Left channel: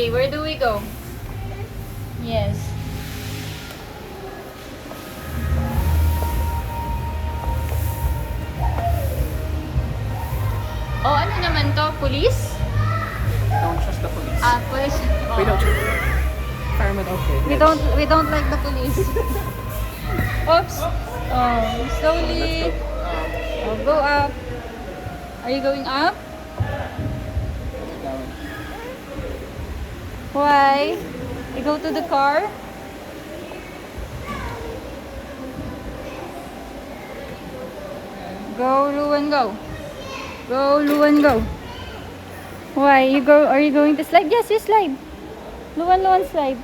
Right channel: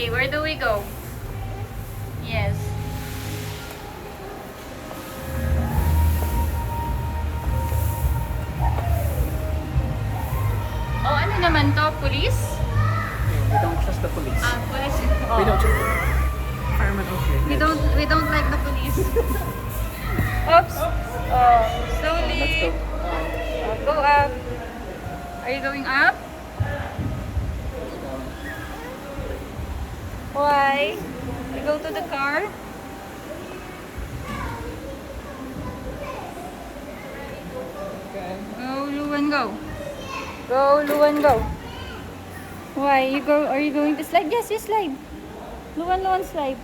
Okay, where do we go? Yes. Oh, ano naman to? Police? We don't trust the police. Ah, police. We don't trust firemen, okay. We don't like the police. Oops. Oh, slowly. Let's go. We'll go up. Are you going up? Down. Why? Go to the car? Go, Luan, go. Go, Luan, go. Why? Are you going to slide? Yes, you slide. Luan, Luan, slide.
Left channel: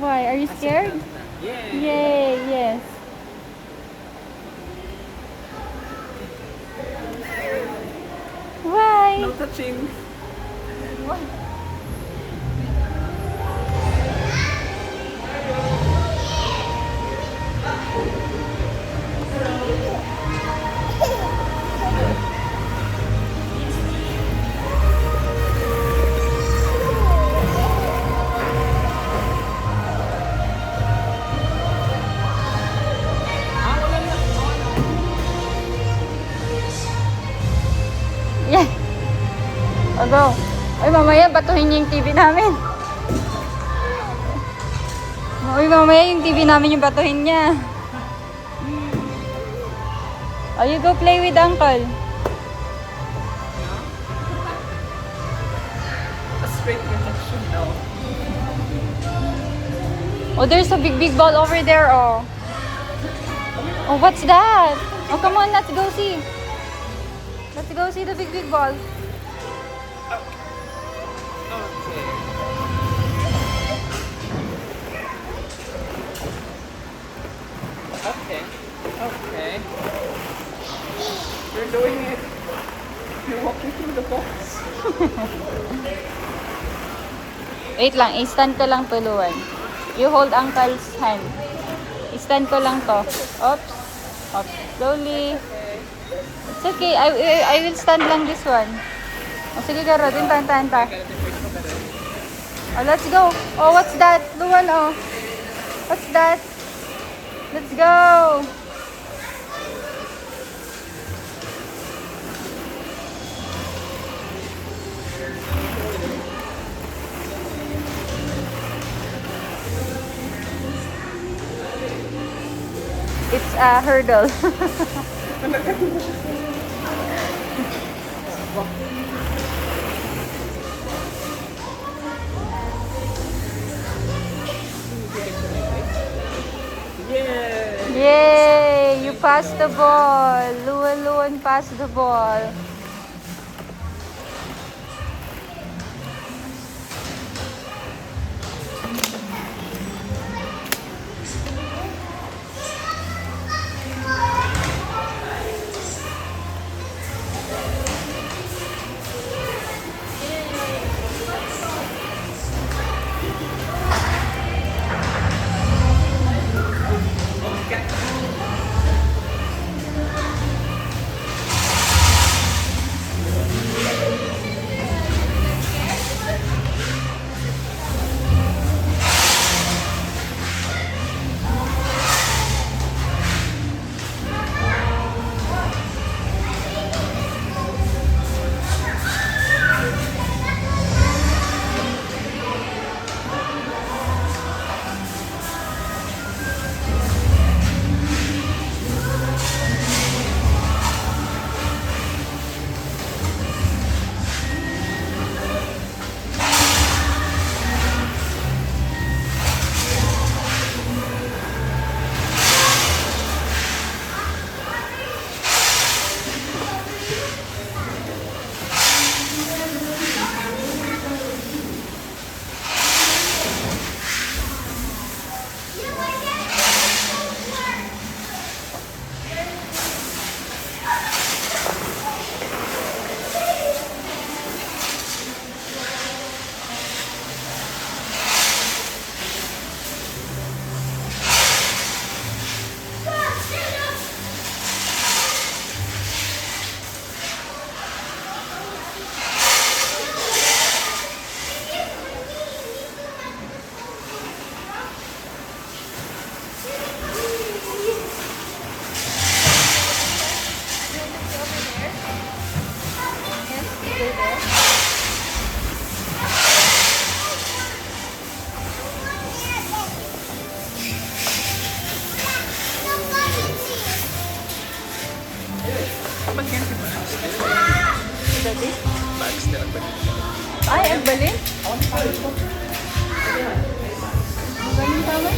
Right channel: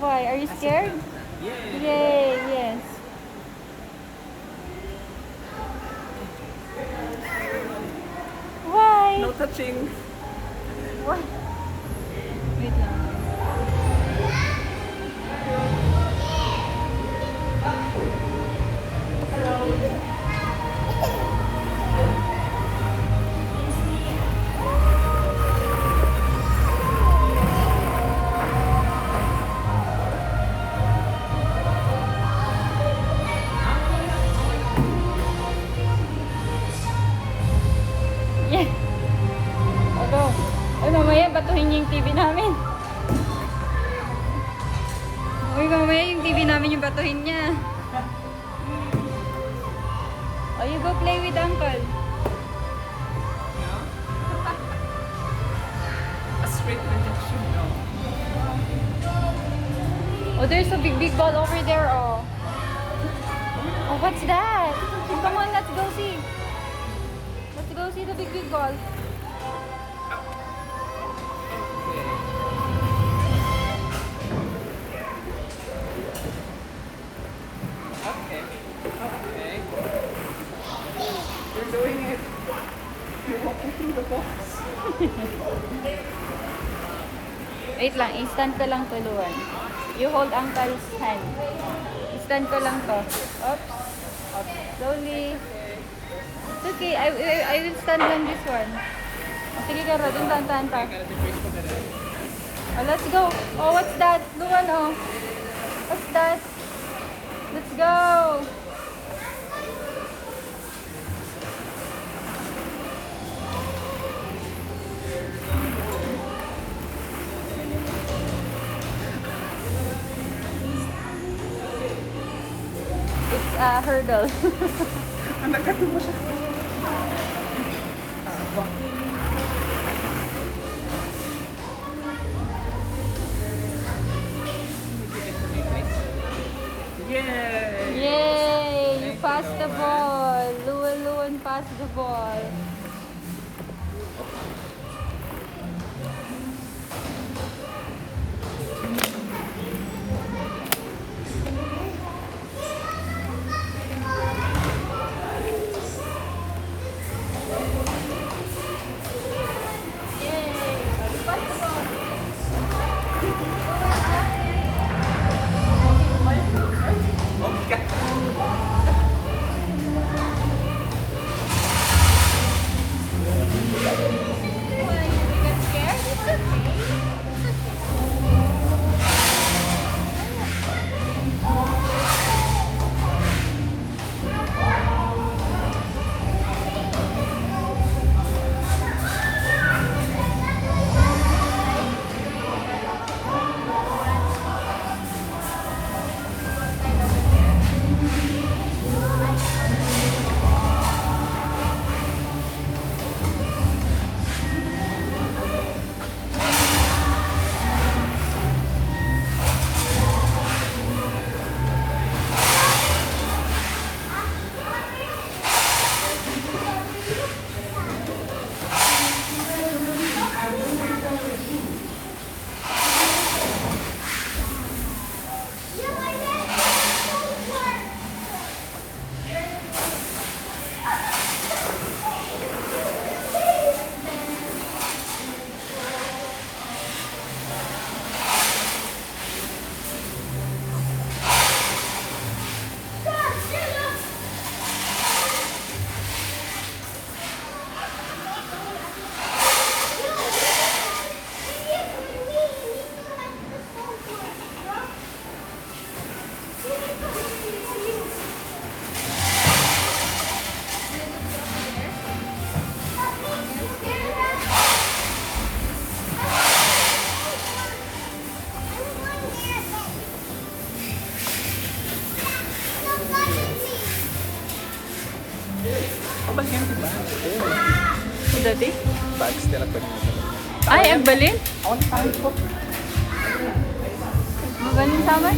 Why? Are you scared? Yay! Yay, yes. Why? No touching. Yeah. O, go. Ay, mamaya batuhin niya yung TV namin. Uy, mamaya yung TV namin yung batuhin niya. Oh, you go play with Uncle. A straight injection, no. Oh, there's a big ball over there, oh. Oh, what's that? Oh, come on, let's go see. Let's go see the big ball. Okay. Okay. You're doing it. You're walking through the box. Wait lang, i-stand ko lang tuluan. You hold Uncle's hand. I-stand ko lang to. Oops. Oops. Slowly. It's okay. I will stand lang this one. Oh, sige, Garo. Din, ta. Oh, let's go. Oh, what's that? Luan, oh. What's that? Let's go. It's a hurdle. Yay! Yay! You passed the ball. Luan passed the ball. Oh my god! Ganyan tama?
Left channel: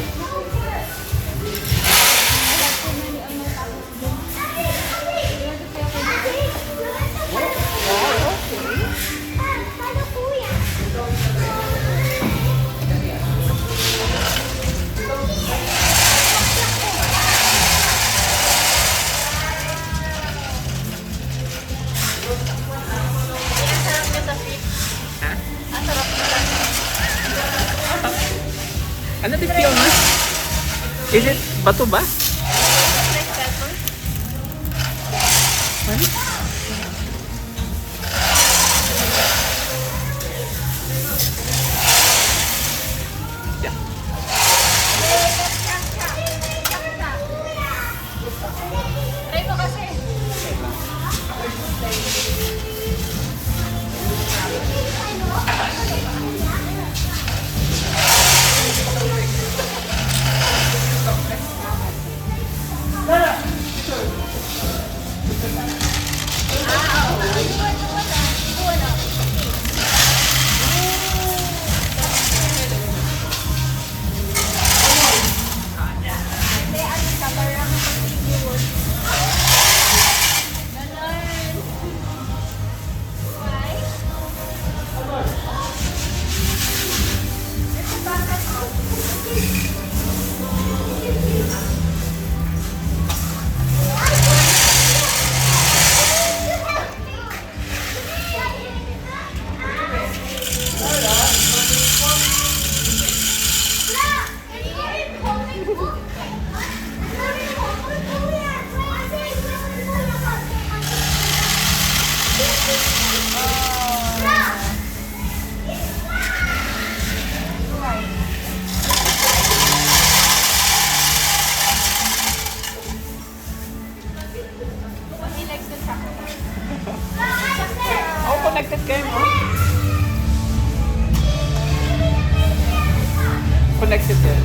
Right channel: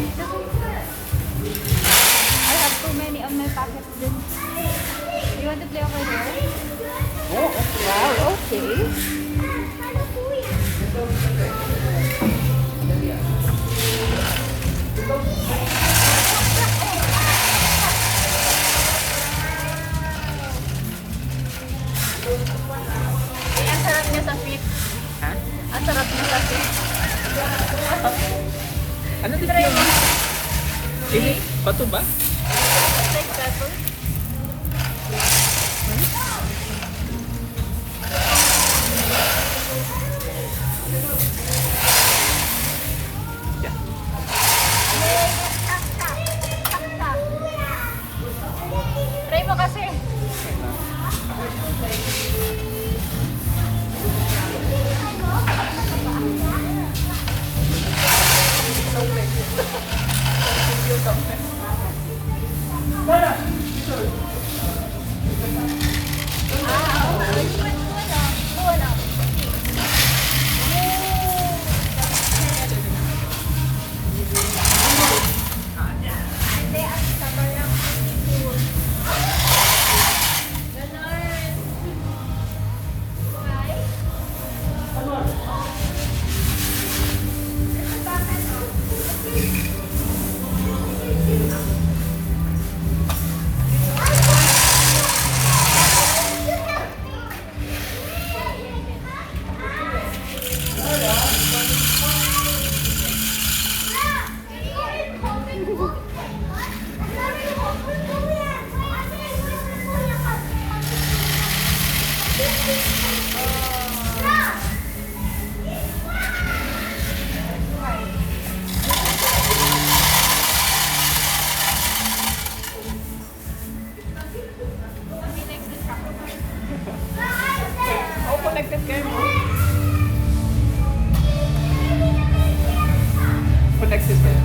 Too many on my pocket. You want to play over there? Ang sarap niya sa sweet. Ha? Ang sarap niya sa sweet. Ano din yun? Is it bato ba? Like pepper. Yeah. Try mo kasi. Okay lang. Oh, connected kayo mo? Connected kayo.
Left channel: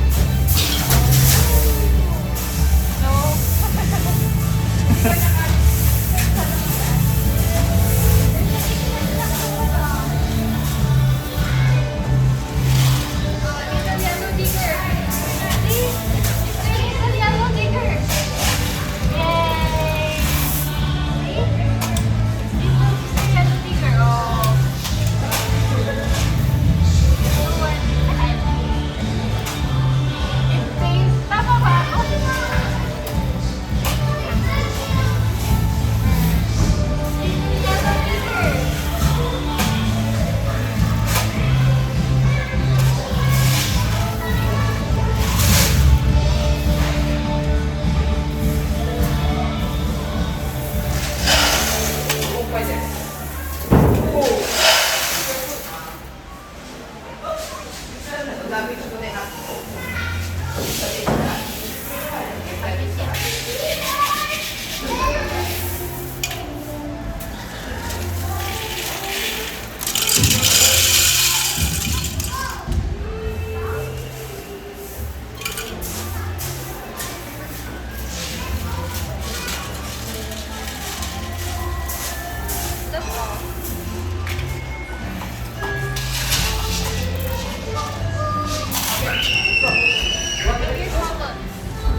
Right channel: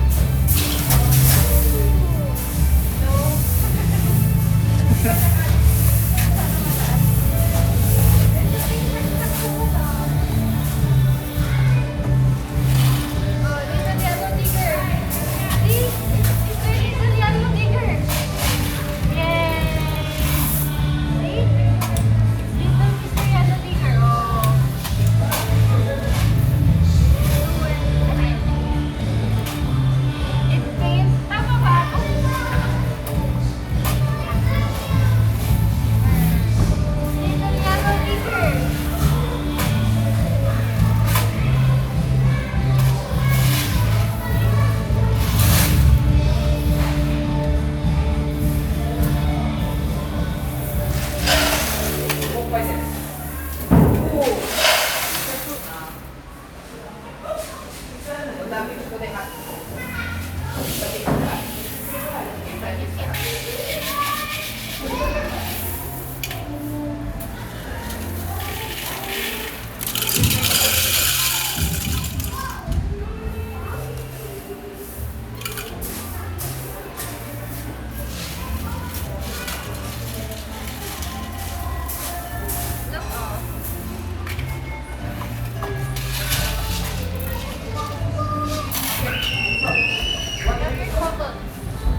You have your cotton.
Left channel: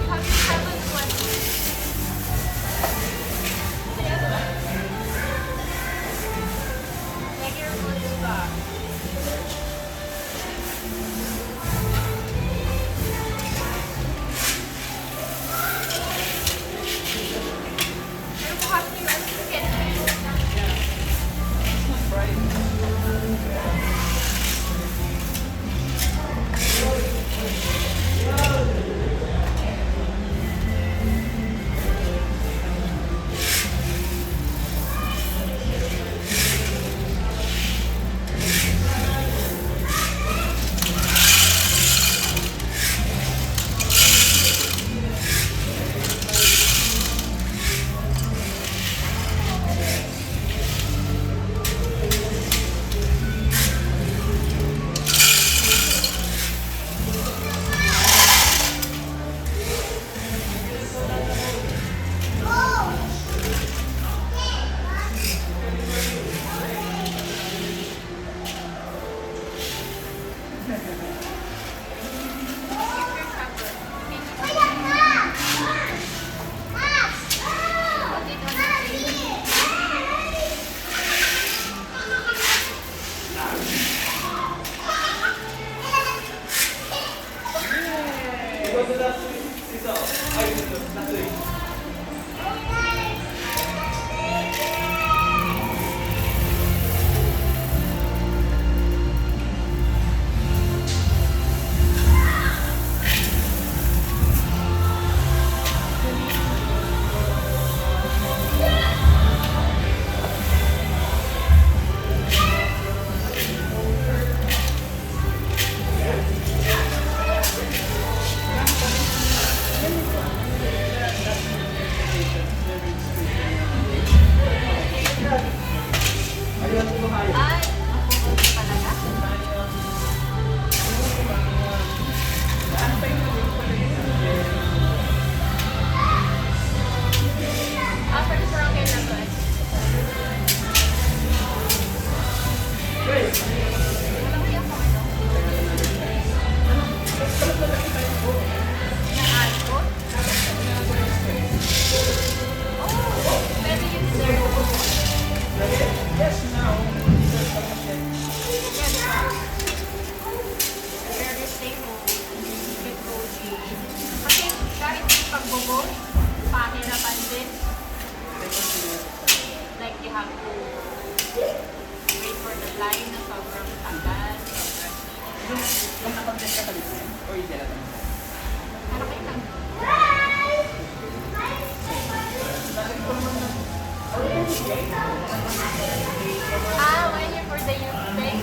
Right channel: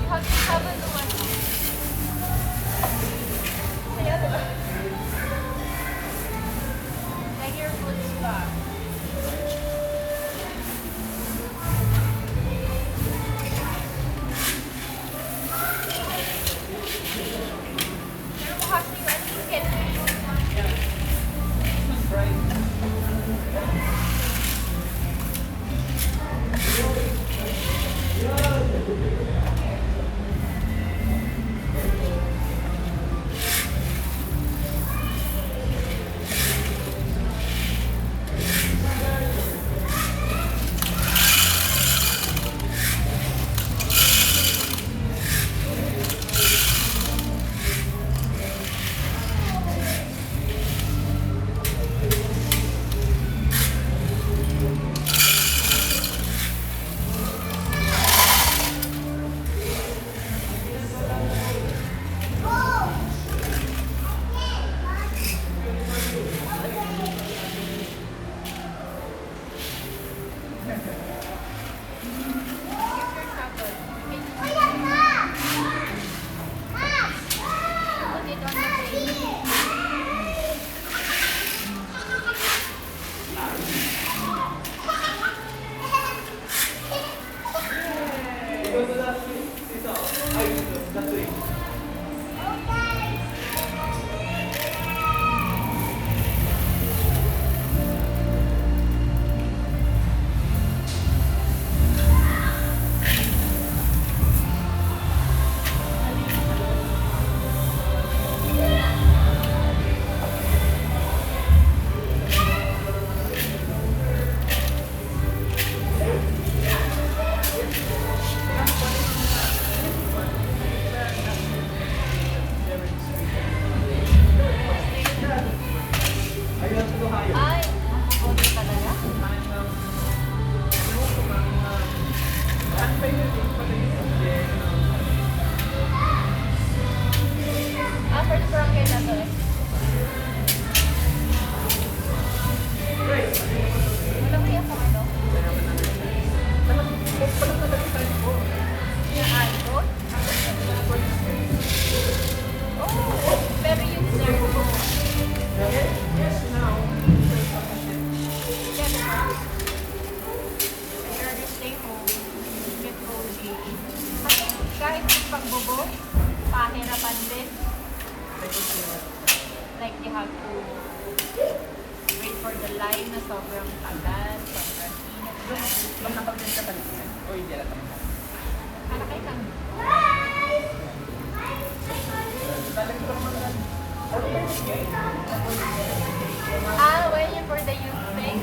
You have your cotton one. Para kayo lang. When you for the youth thing?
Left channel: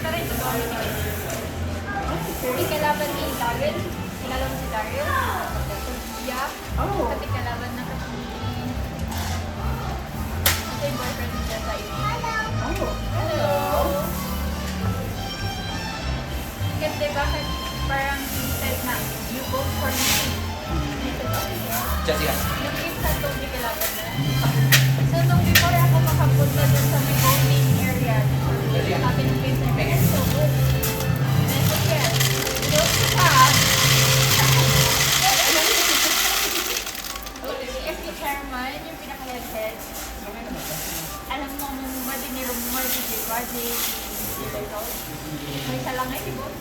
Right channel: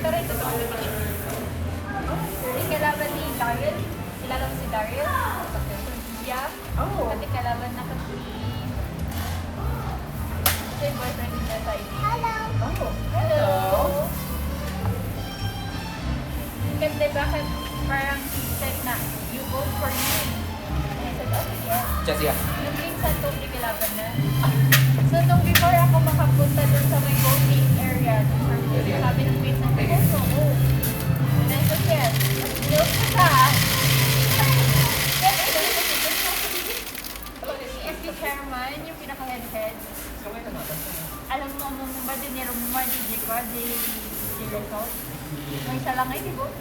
Tara, ito ba? May kalaban ni Daryl. Kilala mo si Daryl? Yeah. Pati kalaban na kasi. Ito yung boyfriend niya sa ID. Hello. Kasi bakit parang said na, you vote for me. And I said, okay, yeah. Jessica. Yung minsan itong nikilaban na. So, nung before ako makapunta dun sa may voting area, sabi ng pinsan ko, so, oh. And I said, yes. No, siya. Si SK Chairman, yung pinaka-head-head, alam mo, mumumba din ni Rumar, di result. May isa lang ay di-vote.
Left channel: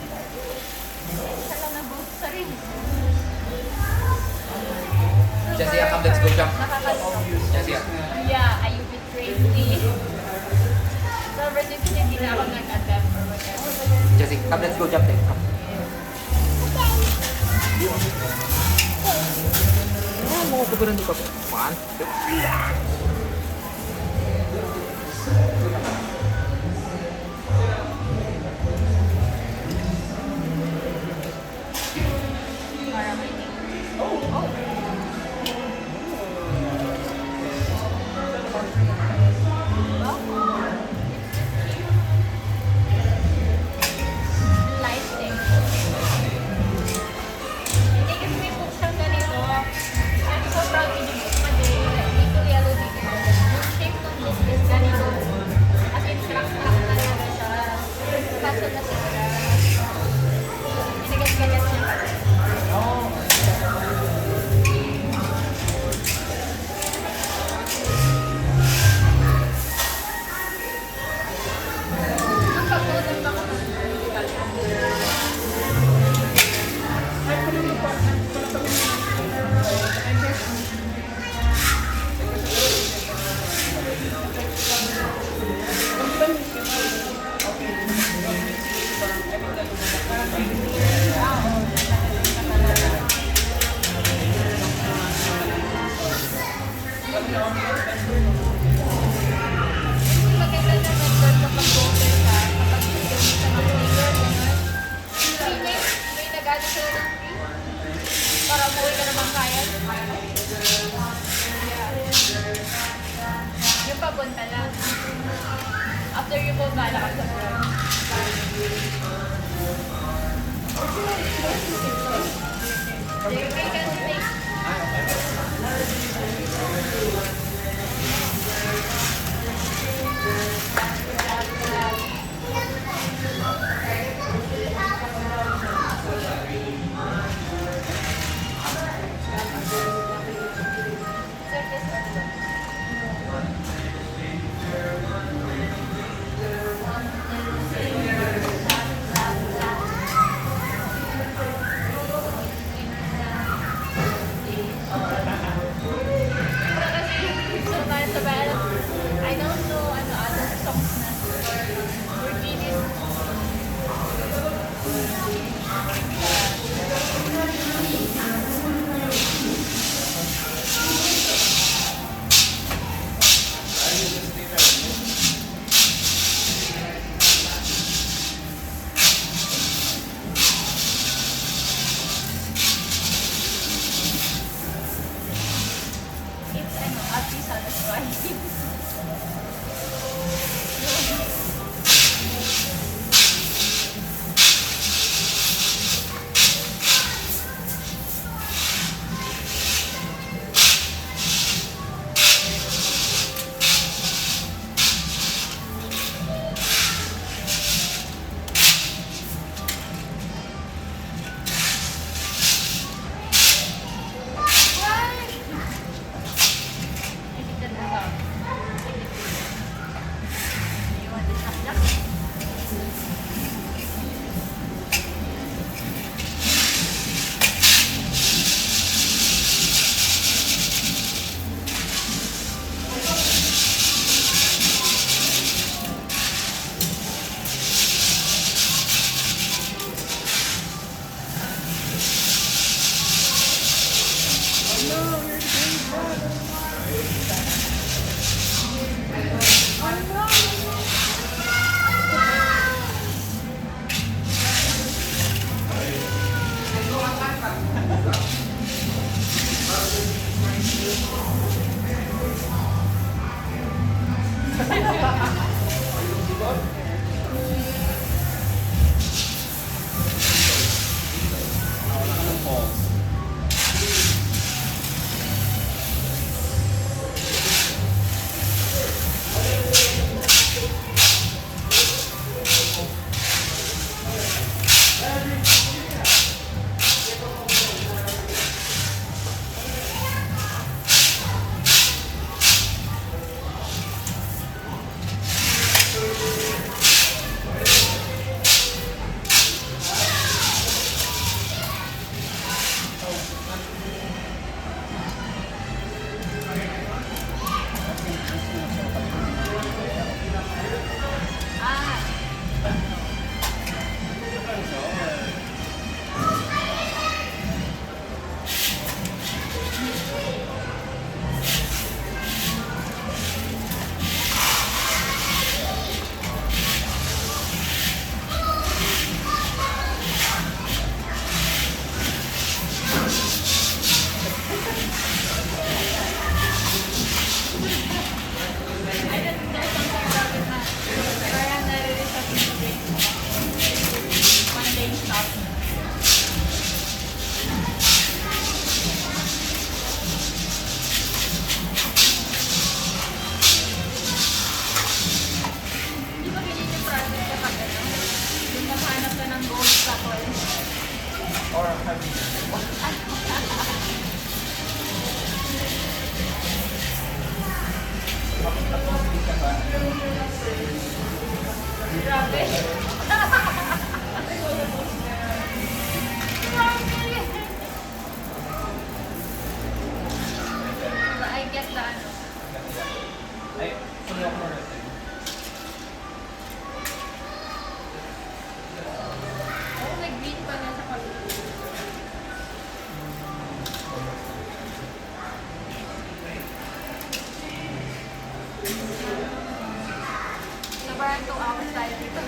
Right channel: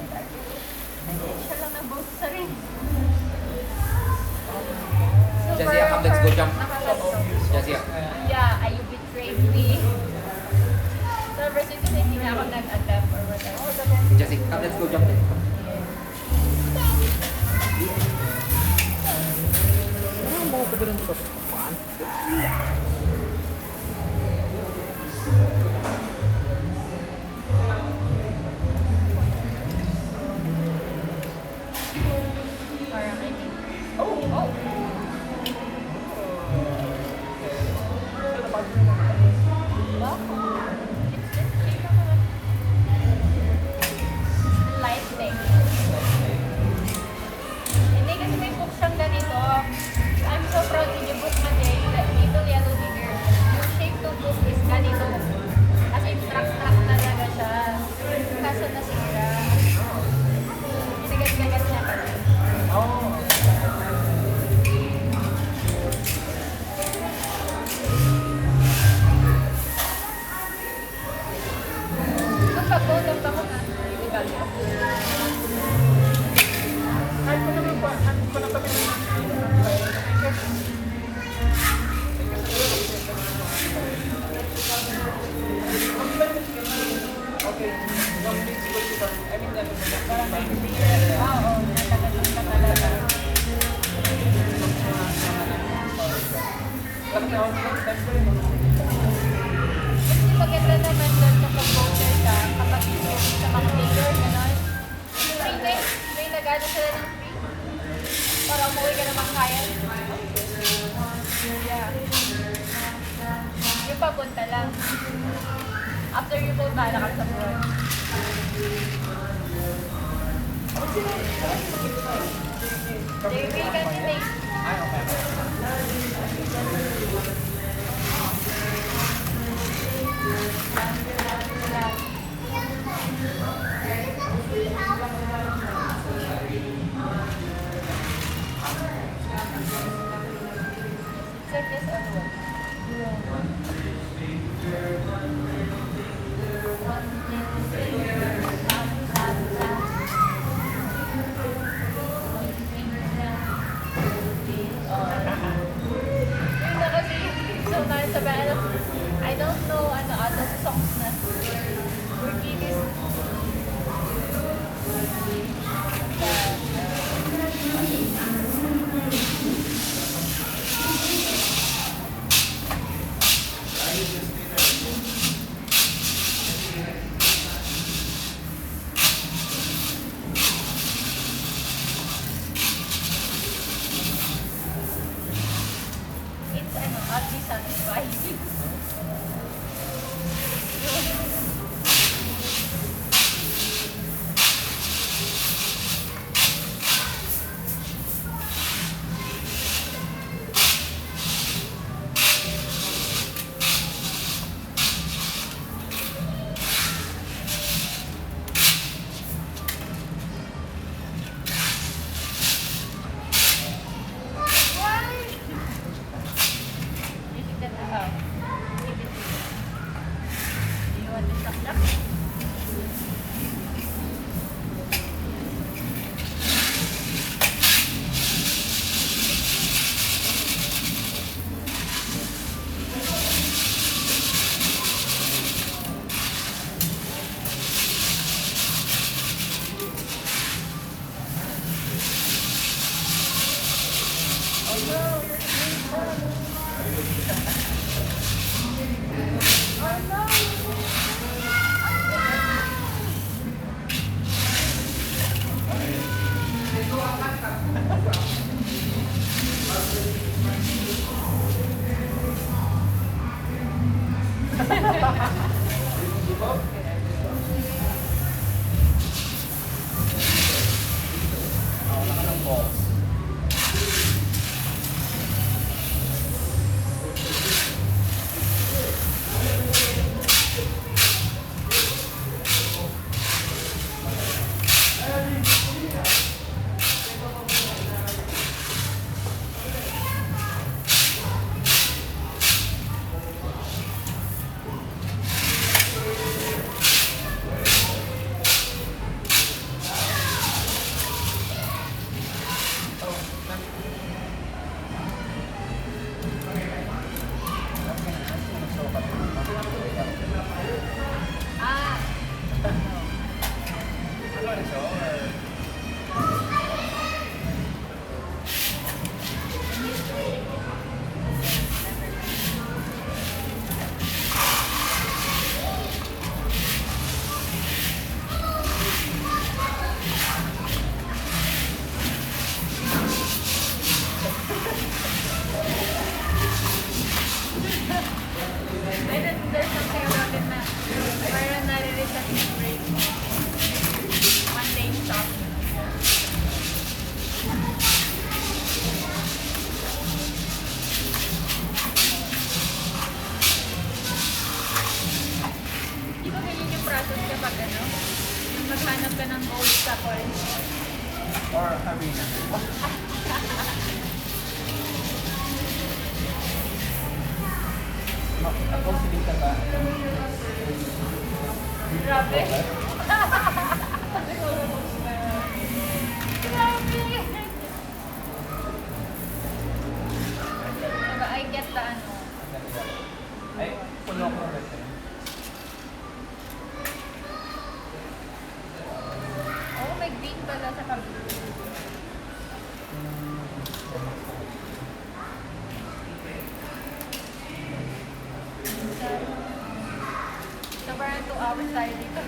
Isa lang nag-vote sa rin. Jessica, come, let's go jump. Nakakasok. Jessica. Yeah, you betrayed me. So, versus kasi hindi na ako nag-attempt or whatever. Jessica, come, let's go jump then. Come. Ano, tugunan dito. One. Parang I think. Oh! Light thing. Hindi kasi may book siyang ganito. I'm so proud in yung book na little yellow dinner. Yung shape ng book is ganito. As in, track-track talaga siya. Kaso na siya. Ginagat-gagat niya kasi. Nagkabutan ako na. Hindi galit. Hindi maganda naman doon kapag voter ka, kapag yung sa mga mayor, gano'n. Free na, may nag-ano sila ng free. Para umuwi ka naman kaya. Yeah. Yung papunta lang. After you vote, bahala ka sa front. JP, candidate. Sir, this one. Yung na kasi yung song na sa band, I don't know ano other songs na. Grabe. I get the ano. Oh, may green pala sa kabila. So, parang 2 hours tayo dito.